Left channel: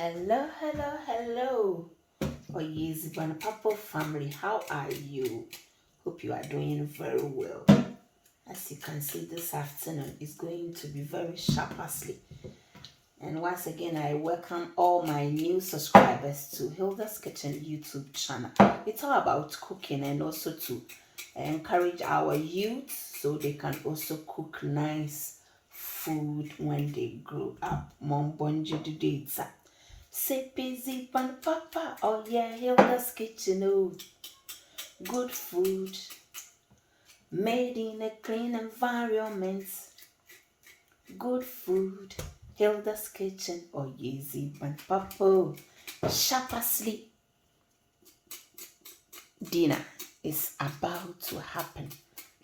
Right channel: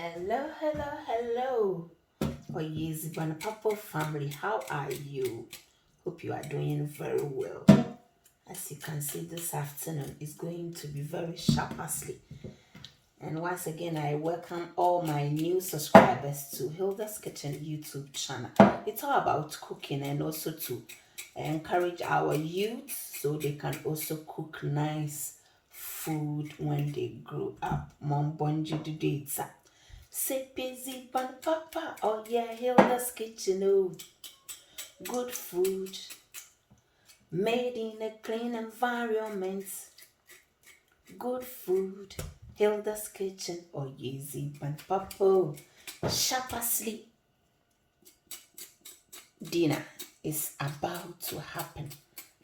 Hello, hello, hello. Oh, yes, Papa family, how are you? Hope you are doing very well. As you can see, this afternoon is going to be very sharp asleep. And once again, I welcome all my new subscribers to Hilda's Kitchen YouTube channel. It's all about cooking and also to encourage our youth so they can also cook nice food when they grow up. Mom bonji do data. Say busy pan papa. Oh yeah, Hilda's Kitchen. Oh, good food made in a clean environment. Good food. Hilda's Kitchen. Oh easy pan papa. Sharp asleep. Dinner is about to happen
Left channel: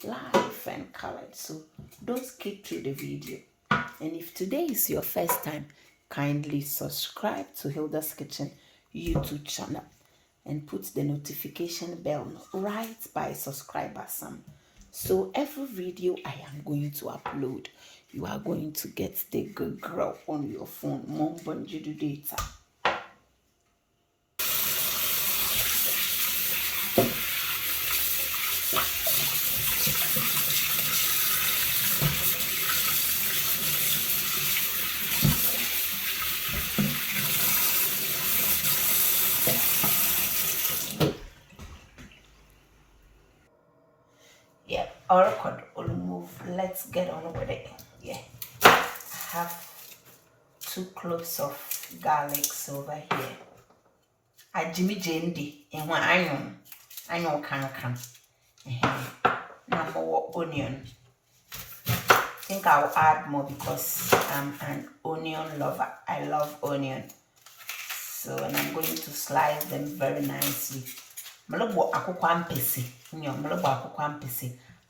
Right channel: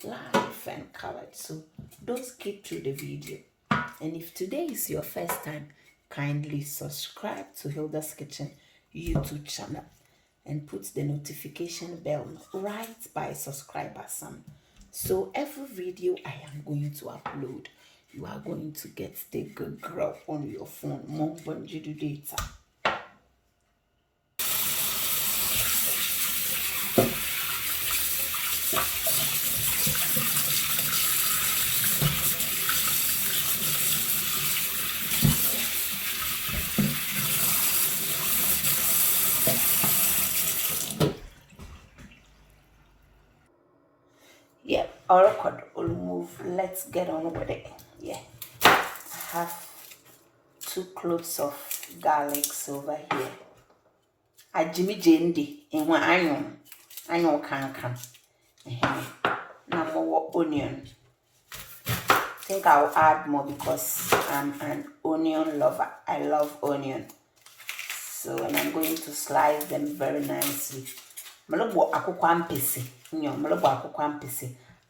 live and colored, so don't skip through the video. And if today is your first time, kindly subscribe to Hilda's Kitchen YouTube channel and put the notification bell right by subscriber some. So every video I am going to upload, you are going to get the good girl on your phone. More bonjour data. Yeah, all right, we'll move. Let's get on with it. Yeah, I have 2 cloves of garlic over here. I Jimmy Jendi and one onion can. Now more onion. I think I'll add more because I'm an onion lover. I love onion. So and I'm going to slice them very nicely.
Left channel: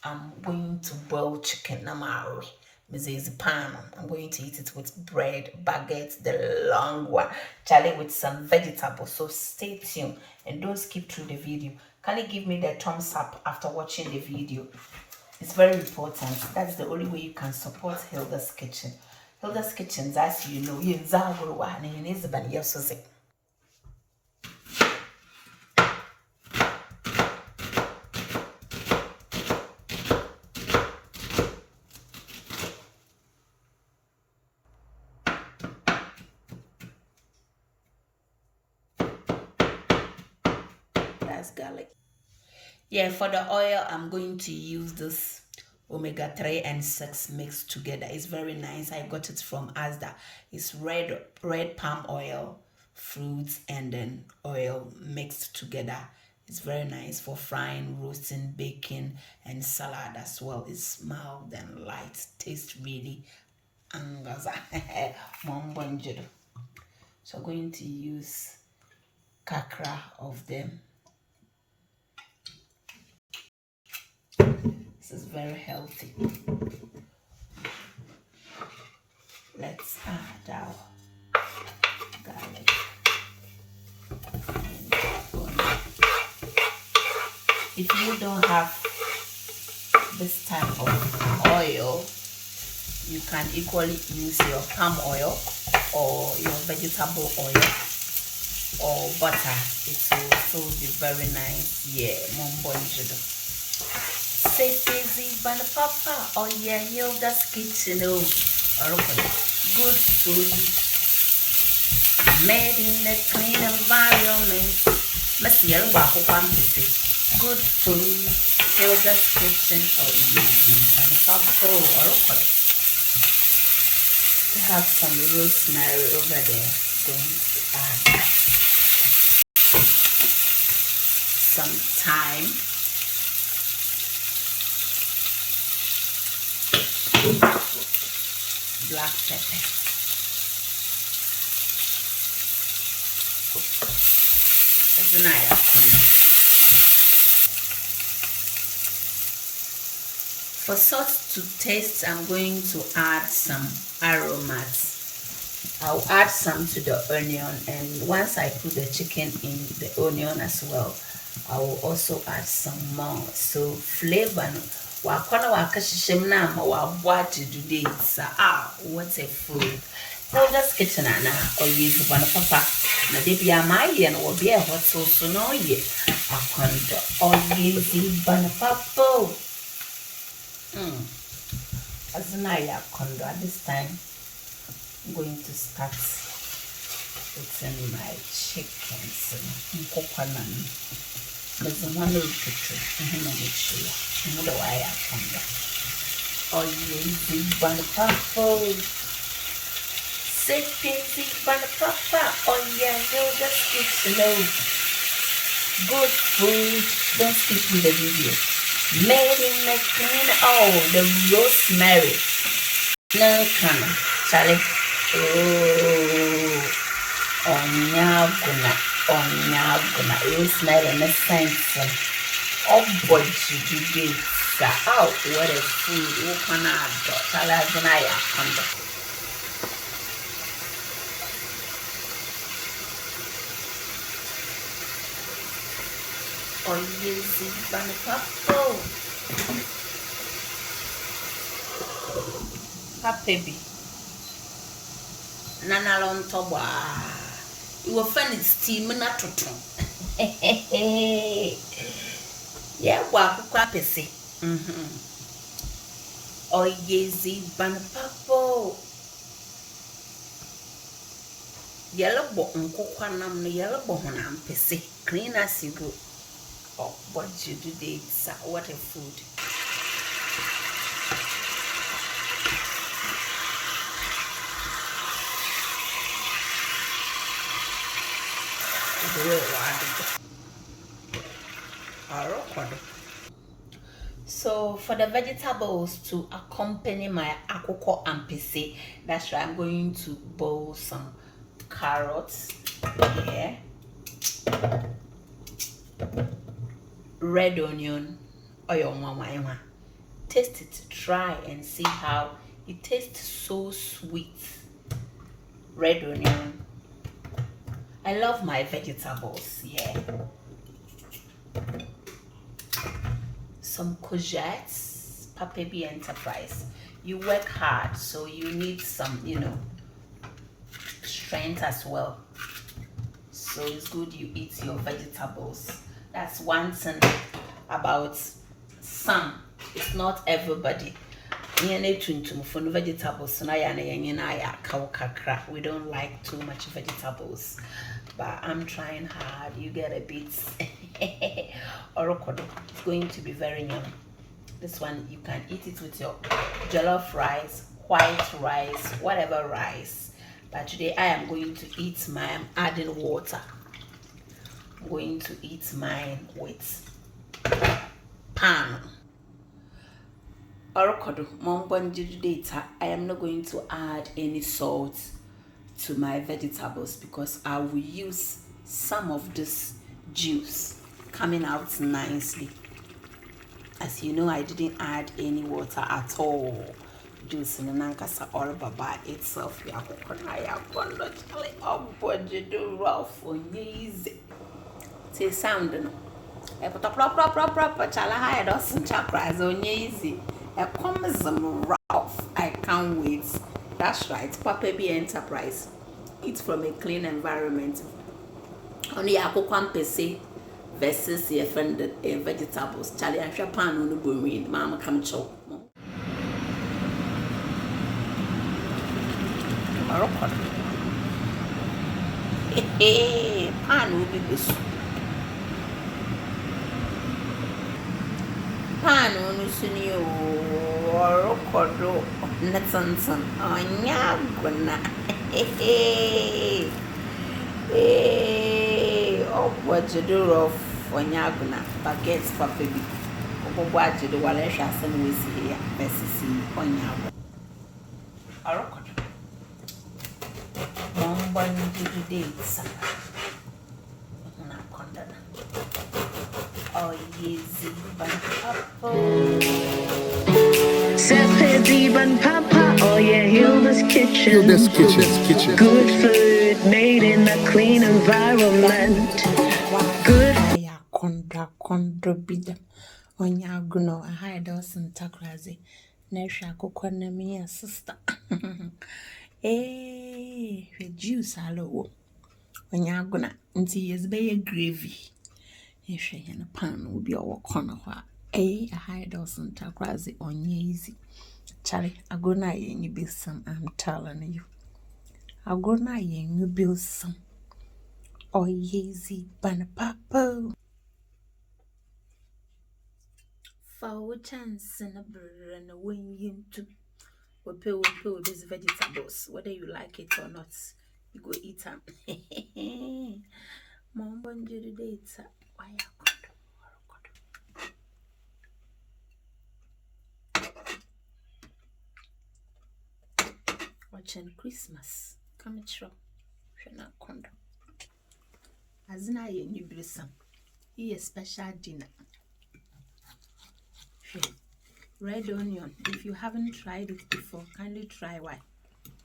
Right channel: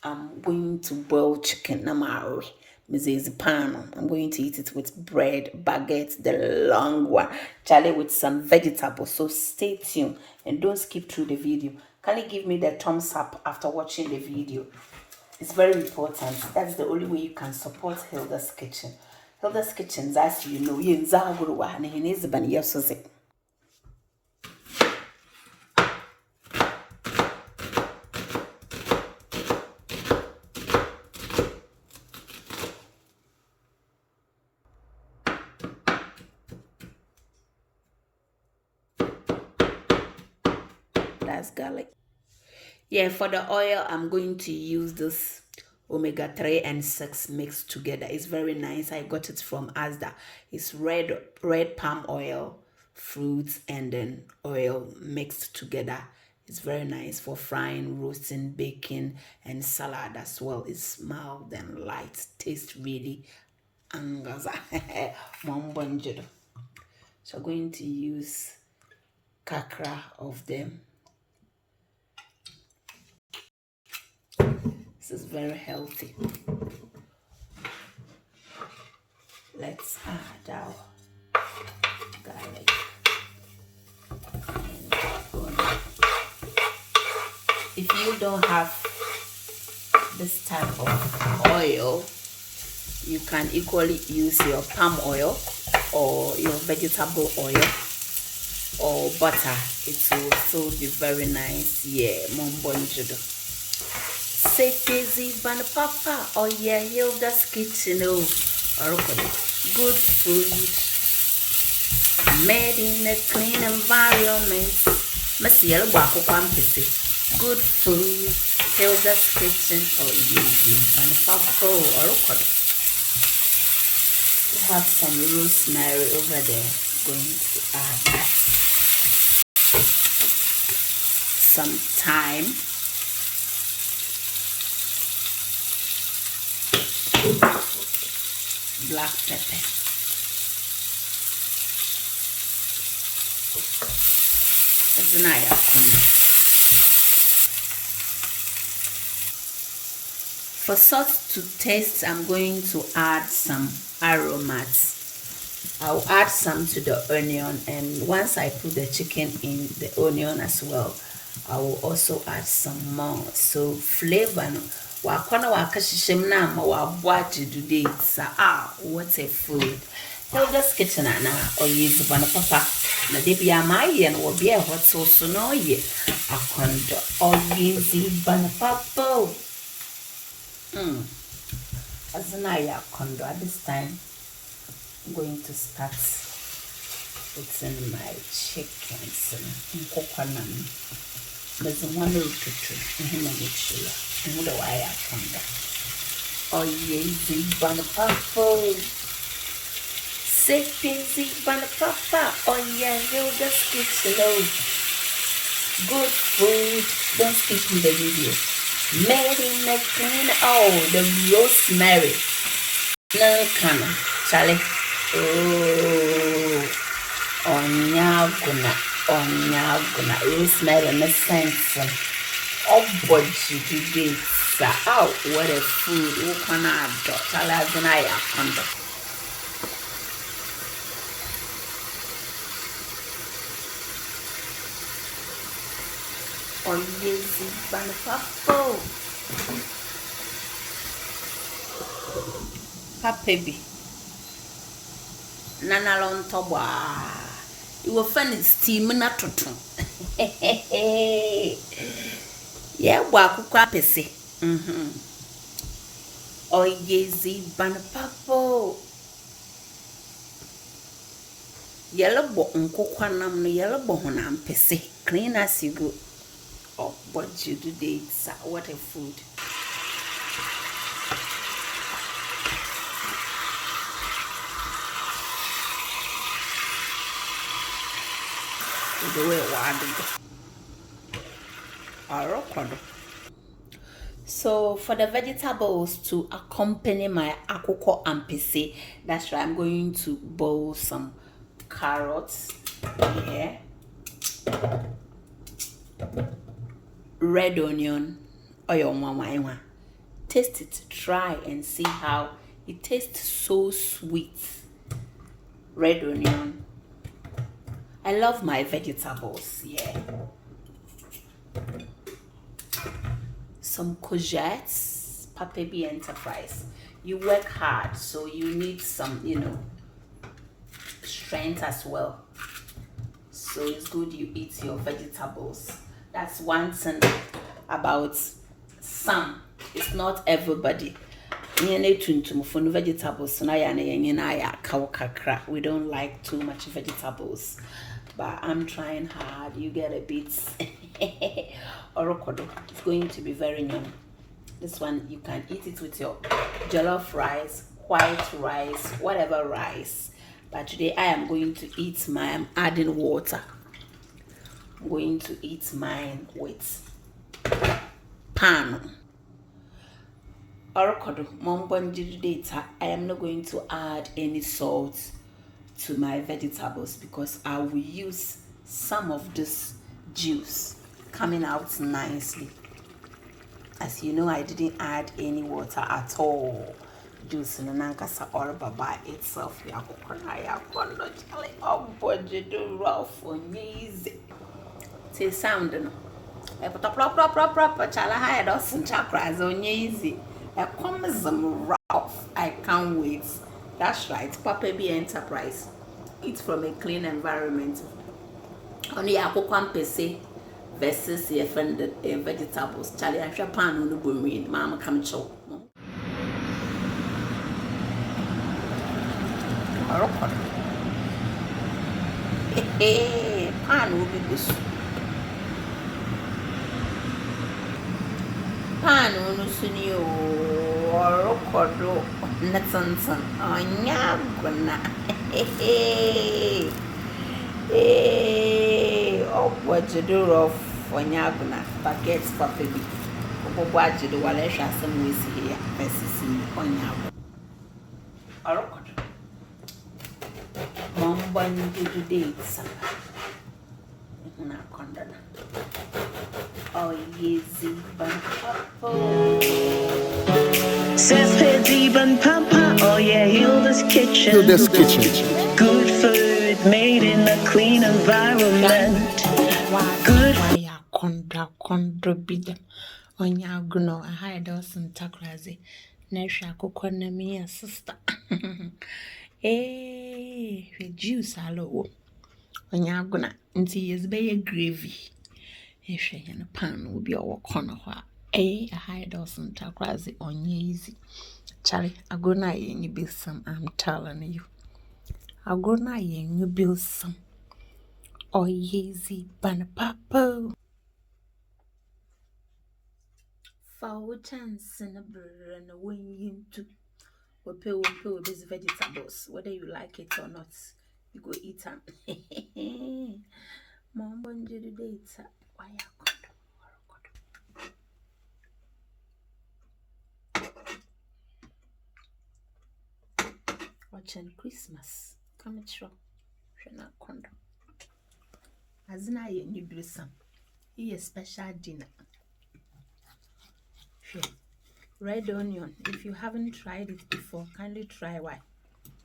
I'm going to boil chicken. I'm going to eat it with bread, baguette, the long one. Charlie with some vegetables. So stay tuned and don't skip through the video. Can you give me the thumbs up after watching the video? It's very important. That's the only way you can support Hilda's Kitchen. Hilda's Kitchen, as you know, that's garlic. Yeah, for the oil, I'm going to use this omega-3 and 6 mixed together. It's very nice. I got it from Asda. It's red palm oil, fruits, and then oil mixed together. It's very nice for frying, roasting, baking, and salad as well. It's mild and light. Tastes really angaza. So I'm going to use kakra of them. This is very healthy. Let's add our garlic. If you don't have this type of oil, you can equally use your palm oil or your vegetable oil or butter. It will also be very nice. Yeah, mombonjudo. Say busy ban papa. Oh yeah, Hilda's Kitchen. Oh, okay. Good food made in a clean environment. Good food, Hilda's Kitchen. Oh yeah, ban papa. Okay. We have some rosemary over there. Going to add some thyme. Black pepper. That's nice. For salt to taste, I'm going to add some aromas. I'll add some to the onion, and once I put the chicken in the onion as well, I will also add some more. So flavor. Wakona wakashishim na ma wabwaji today. What a food. Hilda's kitchen or use one papa. Na baby my and will be a hot sauce no ye. I find all easy bun papa. As an eye condo at this time, I'm going to start putting my chickens and coconut. There's one little picture and the wire condo. Oh, easy bun papa. Easy bun papa. Oh, yeah, you'll just get slow. Good food. Don't skip in the video. Made in the clean. Oh, the rosemary. No coming. Charlie. Oh, onyaguna. Rosemary in the sense. Oh, boy, you do this. Oh, what a food. You cannot do. Charlie, oh, easy bun papa. Baby. Nana on toba. You were funny steam not to try. Yeah, walk crapesy. Oh, easy bun papa. Yellow bottom coconut, yellow bottom and pessy. Clean as you go. Oh, what you do, dates? What a food. So for the vegetables to accompany my akoko ampese, that's right, I'm going to boil some carrots here, red onion, oil mama. Taste it, try and see how it tastes. So sweet. Red onion. I love my vegetables, yeah. Some courgettes, Papa B Enterprise. You work hard, so you need some, strength as well. So it's good you eat your vegetables. That's one thing about some. It's not everybody. We don't like too much vegetables, but I'm trying hard. You get a bit. Orokodo. It's going to be very yummy. This one you can eat it with your jollof rice, white rice, whatever rice. But today I am going to eat mine. I'm adding water. I'm going to eat mine with pan. Orokodo, I am not going to add any salt to my vegetables because I will use some of this juice coming out nicely. As you know, I didn't add any water at all. Juice in nankasa or by itself. Oh, boy, you do rough for easy. Say sound no. I put a proper chala high doesn't chakras on easy. A commism rough. I can't wait. That's right, Papa B Enterprise. Eat from a clean environment. Only akoko pese versus the offended vegetables. Charlie, I'm sure pan on the boom. Mama come chow. Hey, pan will be this. Pan on Sunio or Rocodo, Natsanson, on Yaguna. Oh, what you do of when Yaguna, baguettes for baby. What you do while I shall some ways here, Bessie on Yago. Or Rocodo. One dates. Oh, easy, Papa, oh yeah, Hilda's kitchen. Hilda's kitchen. Good food made in a clean environment. Good. Kondo bidem. Onya guno, I hide us in Takrazi. Nesha Kokonami, sister. Eh. juice alo. When you're gonna until yes be gravy. In a pan will be our corner. A high dozen crazy on easy. Charlie, I go na you build some, I'm telling you. I go na you build some. Oh, easy, ban papa. For chance and a bird and a wing you to. We pay with these vegetables, whether you like it or not. You go eat them. Mom, when you do it, why I watching Christmas. Come true. Shana condo. As na ye new blossom. He a special dinner. Red onion. If you haven't tried it before, kindly try one.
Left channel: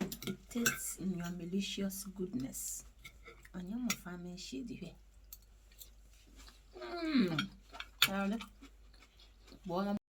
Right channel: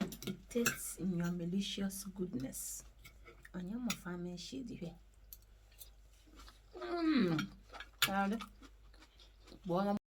It tastes in your malicious goodness. Onion of family shady. Mmm.